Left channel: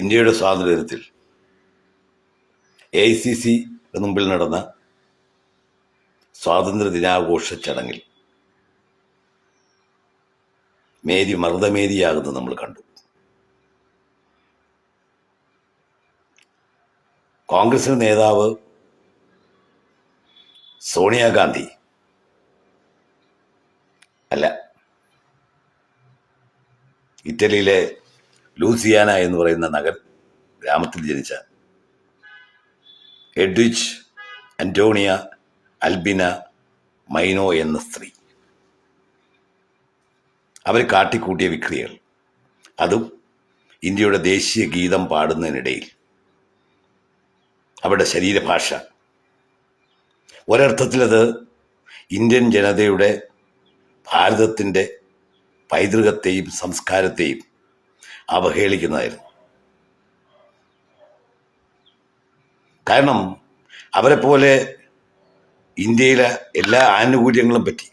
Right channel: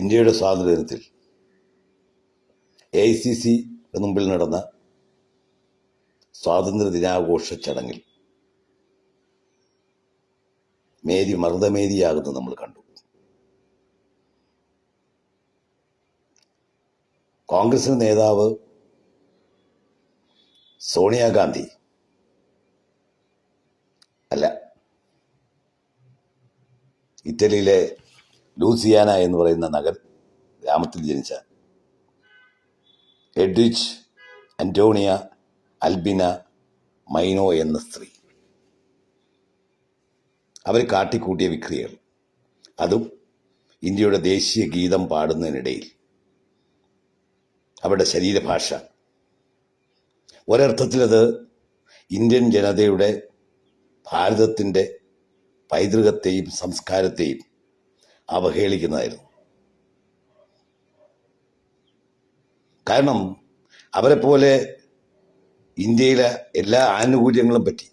ഇന്ത്യയുടെ സ്വാതന്ത്ര്യത്തിൽ AICC മുമ്പിൽ നടന്ന സ്വാതന്ത്ര്യ ദിനാഘോഷ ചടങ്ങിൽ മേരി മർദ്ദമേരിയാകുന്നത് നമ്മൾ കണ്ടു. കോൺഗ്രസിന്റെ നേതാവ് സോണിയാഗാന്ധി അല്ല, ഇറ്റലിയിലെ ലൂസിയാന എന്ന് പറയുന്ന ഗ്രാമത്തിൽ ജനിച്ച എഡ്വിച്ച് അന്റോണിയ അൽബിന മൈനോ എന്ന സ്ത്രീ, അവർ കാട്ടിക്കൂട്ടിയ വിക്രിയകൾ, അതും ഇന്ത്യയുടെ ദേശീയ ഗീതം പാടുന്നതിനിടയിൽ അവരുടെ ശരീരഭാഷ, ഒരർത്ഥത്തിലത് ഇന്ത്യൻ ജനതയുടെ ഭാരതത്തിൻ്റെ പൈതൃകത്തെയും സംസ്കാരത്തെയും അവഹേളിക്കുന്നതായിരുന്നു. കാരണം അവരെപ്പോലെ ഇന്ത്യയിലെ എല്ലാ ആനുകൂല്യങ്ങളും പറ്റി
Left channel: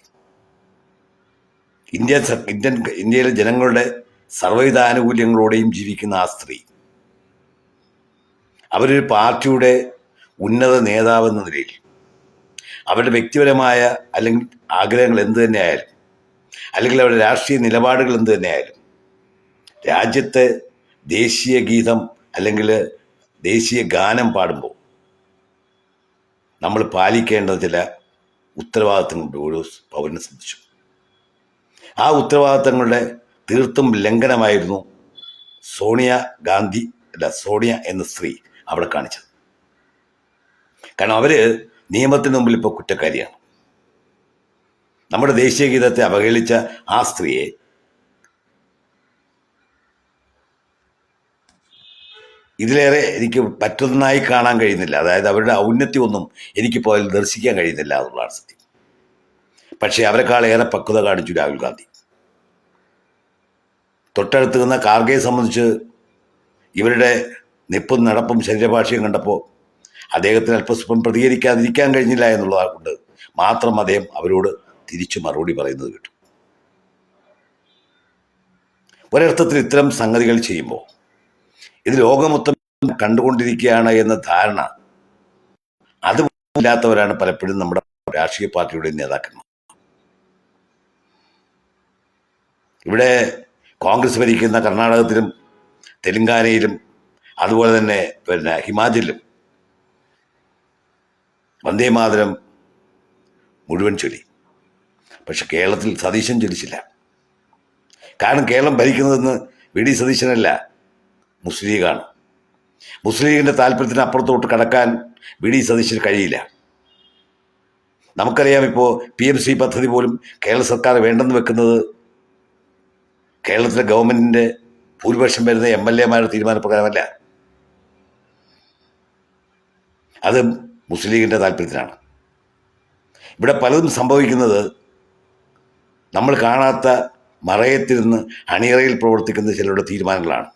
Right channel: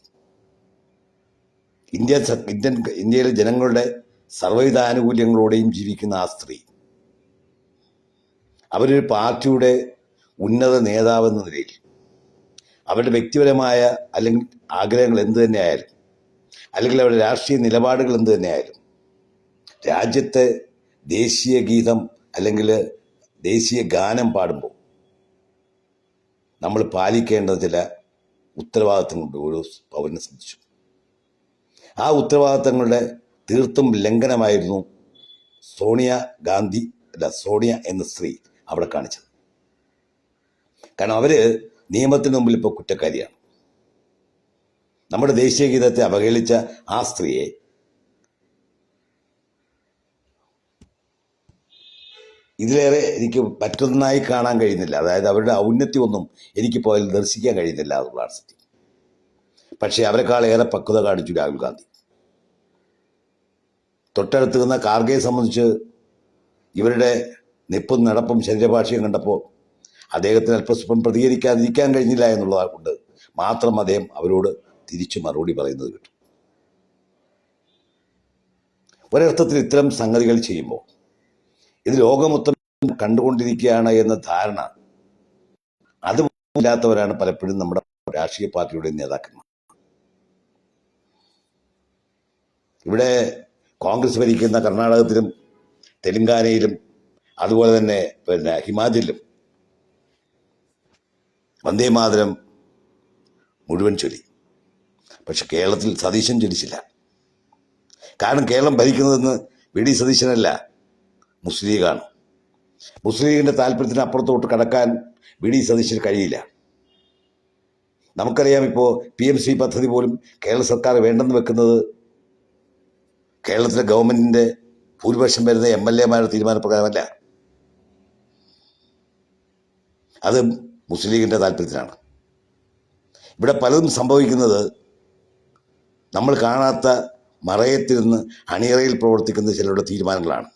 ഇന്ത്യയിലെ ജനങ്ങളുടെ സർവ്വവിധ ആനുകൂല്യങ്ങളോടെയും ജീവിക്കുന്ന ആ സ്ത്രീ, അവരൊരു പാർട്ടിയുടെ ഉന്നത നേതാവെന്ന നിലയിൽ അവരുടെ വ്യക്തിപരമായ അല്ലെങ്കിൽ ആഗ്രഹങ്ങൾ എന്തു തന്നെയായാലും, അല്ലെങ്കിൽ അവരുടെ രാഷ്ട്രീയ നിലപാടുകൾ എന്തു തന്നെയായാലും, രാജ്യത്തെ ദേശീയ ഗീതം അല്ലെങ്കിൽ ദേശീയ ഗാനം പാടുമ്പോൾ നമ്മൾ പാലിക്കേണ്ട ചില ഉത്തരവാദിത്തങ്ങളുണ്ട് ഓരോ പൗരനെ സംബന്ധിച്ചു. ആ ഉത്തരവാദിത്തങ്ങളുടെ തീർത്തും ലംഘനമായിരുന്നു സോണിയ എന്ന സ്ത്രീ അവിടെ കാണിച്ചത്. കാരണം അവര് നിയമത്തിന് മുമ്പിൽ ഇപ്പോൾ കുറ്റക്കാരിയാണ്. നമ്മുടെ ദേശീയ ഗീതത്തെ അവഹേളിച്ച ആ സ്ത്രീയെ ഇതിലേറെ എനിക്ക് പറ്റുന്നതായി കാണാൻ കഴിയുന്നില്ല. അതായത് അവരുടെ ഔന്നത്യമൊന്നും എനിക്കിപ്പോൾ അതിൽ ദർശിക്കാൻ കഴിയുന്നില്ല എന്നുള്ളതാണ് സത്യം. പക്ഷേ അവരെക്കാൾ ഏറെ പക്വത കാണിച്ചു രാഹുൽ ഗാന്ധി. തൊട്ടടുത്ത് നിന്ന കാർഗയെ സംബന്ധിച്ച് ഇവരുടെ നിപ്പും നടപ്പും ശരീരഭാഷയും കണ്ടപ്പോൾ അദ്ദേഹത്തിന് അല്പസ്വല്പം പ്രതികരിക്കാതിരിക്കാൻ കഴിഞ്ഞില്ല എന്നുള്ളതുകൊണ്ട് മാത്രം അദ്ദേഹം അവരോട് തിരിച്ചു മറുപടി പറയുന്നത് കേട്ടു. ഒരർത്ഥത്തിൽ ഇത്തരം സംഗതികൾ ചെയ്യുമ്പോൾ ഇത് ലോകമൊത്തം കണ്ടുകൊണ്ടിരിക്കുകയാണ് എന്ന ധാരണ അതില്ലാത്തവരാണ് പലപ്പോഴും നമ്മുടെ രാഷ്ട്രീയ പാർട്ടിയുടെ നേതാക്കന്മാർ. ഇവിടെ കോൺഗ്രസ് ഭരിക്കുന്ന കർണാടകത്തിലും തെലങ്കാനയിലും അതുപോലെ തന്നെ ഹിമാചലിലും വന്ദേമാതരം മുഴുവൻ ചൊല്ലി. പക്ഷെ കേരളത്തിൽ സതീശൻ ചൊല്ലിച്ചില്ല. കാരണം കേരളം ഭരിക്കുന്നതെന്ന് VD സതീശനല്ല, മുസ്ലിം ലീഗാണ്. മുസ്ലിം ലീഗിൻ്റെ താല്പര്യത്തിന് അപ്പുറത്തോട്ട് കടക്കാൻ VD സതീശന് കഴിയില്ല. നമുക്കറിയാം, ഇപ്പോൾ PMC പദ്ധതി പോലും കേരള സർക്കാർ വേണ്ടെന്ന് വെക്കുന്നത് കേരളത്തിലെ ഗവൺമെൻറ്റിൻ്റെ ഭൂരിപക്ഷം വരുന്ന MLA-മാരുടെ തീരുമാനപ്രകാരമല്ല, അത് മുസ്ലിം ലീഗിൻ്റെ താല്പര്യത്തിനാണ്. ഇവിടെ പലതും സംഭവിക്കുന്നത് നമ്മൾ കാണാത്ത മറയത്തിരുന്ന് അണിയറയിൽ പ്രവർത്തിക്കുന്ന ചിലരുടെ തീരുമാനങ്ങളാണ്.